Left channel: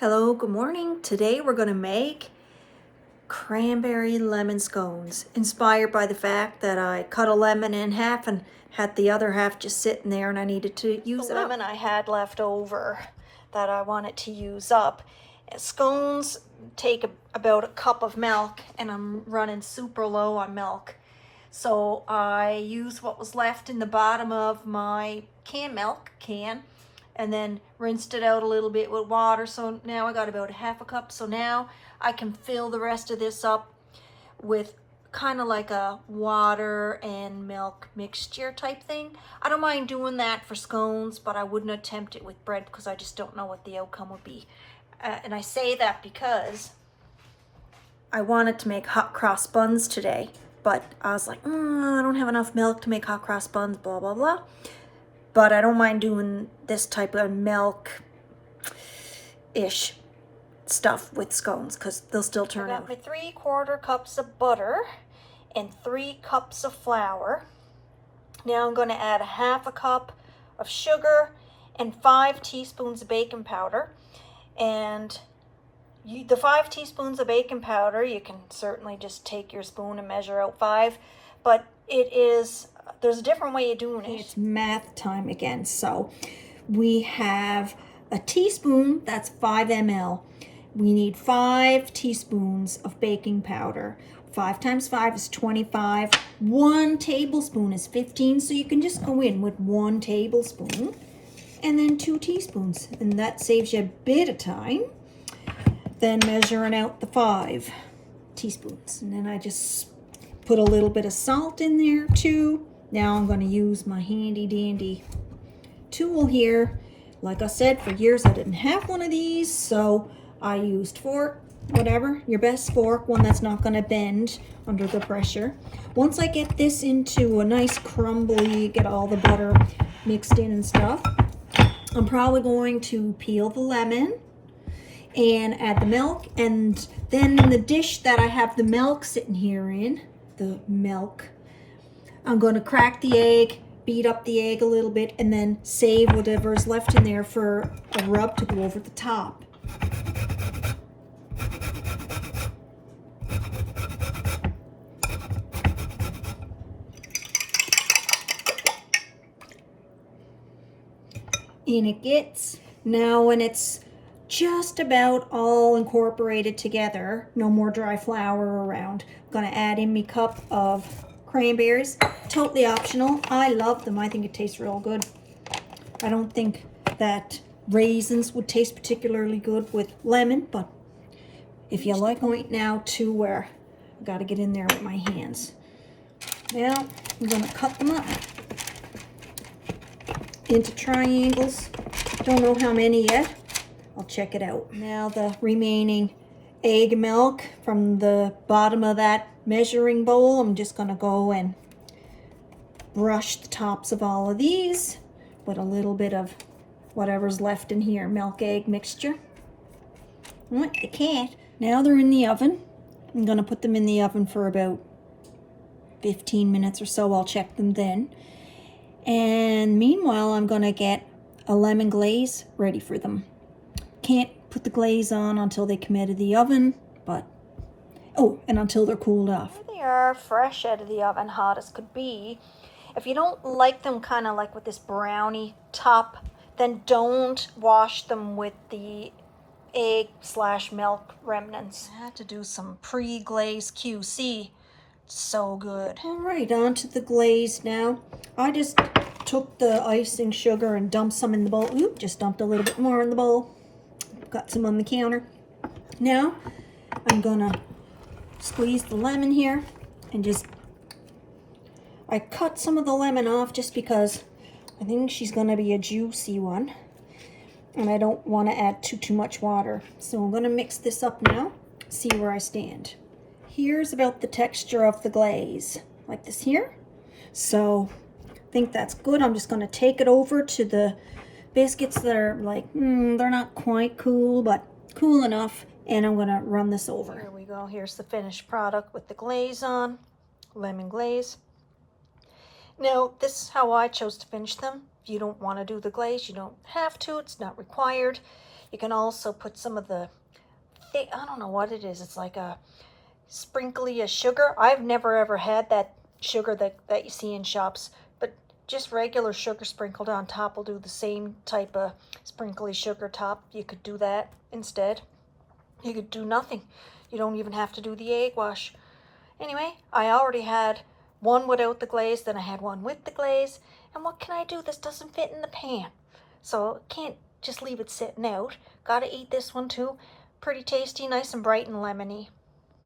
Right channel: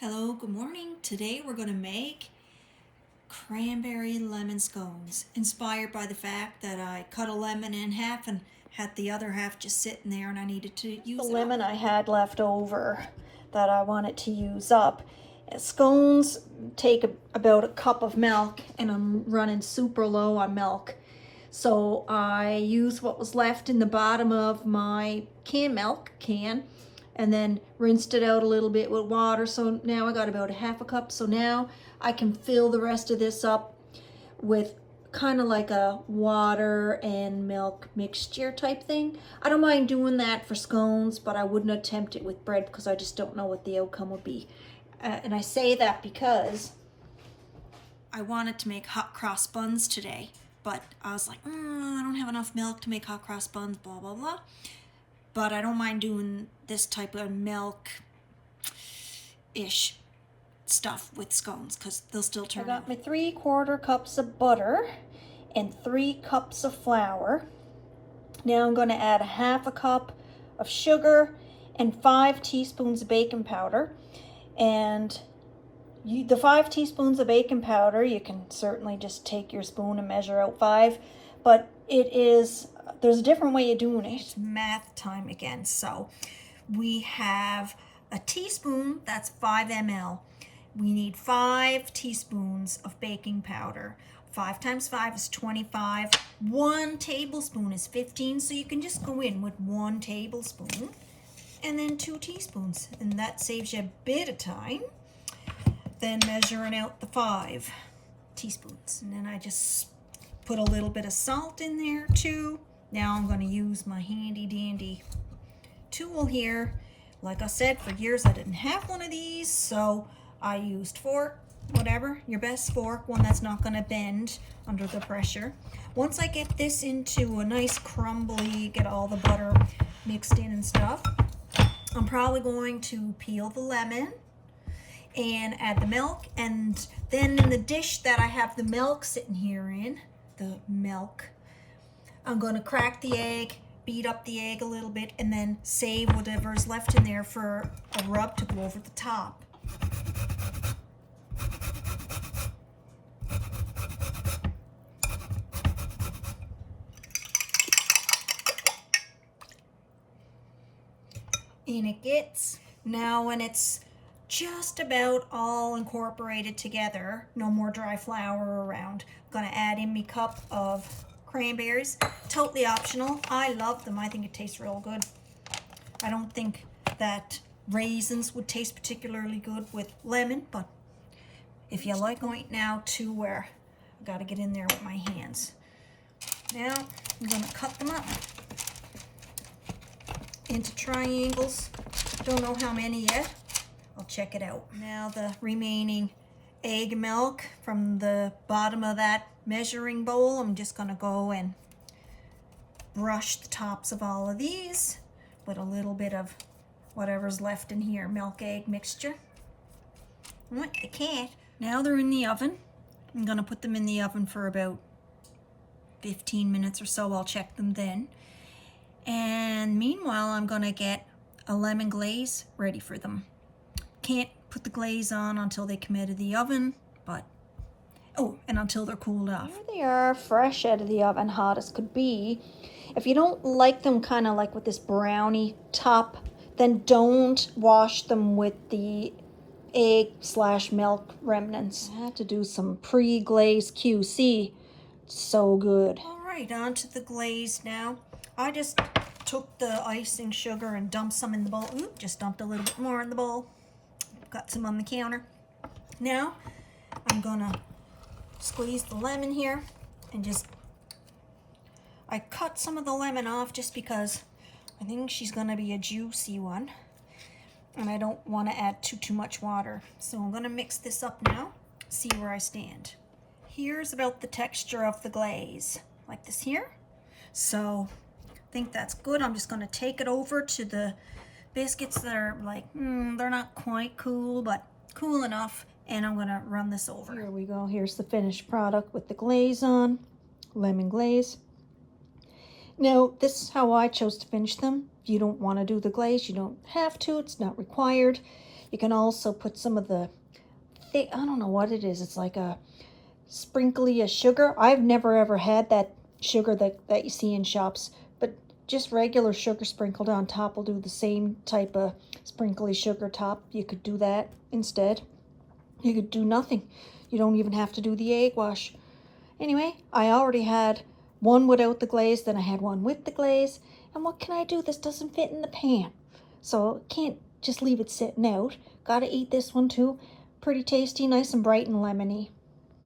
Hello, good morning. Today we're going to make cranberry lemon scones, inspired by the fact that I cut a lemon in half and had the other half just sitting there and I needed to use the lemon I had left over that I wanted to use up. Scones take about a cup of milk and I'm running super low on milk. So I use what was left in the bottom of my canned milk can and then rinsed it out a little bit with water. So now I got about a half a cup. So now I can fill the rest of this up with kind of like a water and milk mixture type thing. I don't mind doing that for scones, but I wouldn't attempt it with bread because I just don't know what the outcome would be. And I say that because I wanted to make hot cross buns today, but I was like, I don't have enough milk to make hot cross buns, blah, blah, blah. But I don't mind doing this type of milk-ish stuff with scones because they'll still turn out. I got my 3/4 cups of butter and 3 cups of flour. Now I'm going to add a half a cup of sugar and 5 teaspoons of baking powder. And the 5 teaspoons of baking powder, you can certainly just take your spoon and measure out 5, but there's a different way of doing it. It's math time again. So we have a teaspoon, that's 5 ml. We need 5 teaspoons of baking powder. 5 times 5 is 25. 1 tablespoon is 15, so you can just go in with 1 tablespoon and then 2 teaspoons, and that saves you a bit of time. Then measuring out the 5 teaspoons, and then I just put a little bit of salt in there too. Now I'm going to use my handy dandy tool here. Like I said, for years I didn't have one of these, so I used fork, whatever, your best fork, one that's not going to bend under the pressure. Once I get this into a nice crumbly, get all the butter mixed in and stuff, I'm probably going to peel the lemon and add the milk, and then in the dish that I have the milk sitting here in, I'm going to crack the egg, beat up the egg a little bit, and then save whatever is left in there for a rub to go over the top. And it gets, now when it's just about all incorporated together, no more dry flour around, I'm going to add in my cup of cranberries. Totally optional. I love them. I think it tastes real good. I don't think that raisins would taste particularly good with lemon, but if you like, point now to where I got to get in there with my hands. Now I'm going to cut them up into triangles. Don't know how many yet. I'll check it out. Now the remaining egg milk from the bottom of that measuring bowl, I'm just going to go and brush the tops of all of these with a little bit of whatever's left in here, milk egg mixture. What the cat. Now they're in the oven. I'm going to put them in the oven for about 15 minutes or so. I'll check them then. And meanwhile, I'm going to get a lemon glaze ready for them. Can't put the glaze on until they come out of the oven, but and until they're cooled off. Here they are, fresh out of the oven, hot as could be. If you don't like them kind of like with this brownie top, then don't wash them with the egg/milk remnants. I had to do some pre-glaze QC. So good. All right, on to the glaze now. I just took the icing sugar and dumped some in the bowl. Oop, just dumped a little bit more in the bowl. Got some on the counter. Now I'm gonna squeeze the lemon here and I cut some of the lemon off just because I think she's gonna be a juicy one and I don't want to add too much water. So I'm gonna mix this up now, see where I stand. Here's about the texture of the glaze, like this here. So I think that's good. I'm just going to take it over to the biscuits that are like, they're not quite cool, but cool enough. And I'm going to run this over. Here we go. Here's the finished product with the glaze on, lemon glaze. Now, this is how I chose to finish them. If you don't want to do the glaze, you don't have to. It's not required. You can also put some of the thick, I don't know what it is. It's like a sprinkly sugar. I've never ever had that sugar that you see in shops, but just regular sugar sprinkled on top will do the same type of sprinkly sugar top. You could do that instead. You could do nothing. You don't even have to do the egg wash. Anyway, I already had one without the glaze, then I had one with the glaze. And what can I do? This doesn't fit in the pan. So can't just leave it sitting out. Gotta eat this one too. Pretty tasty, nice and bright and lemony.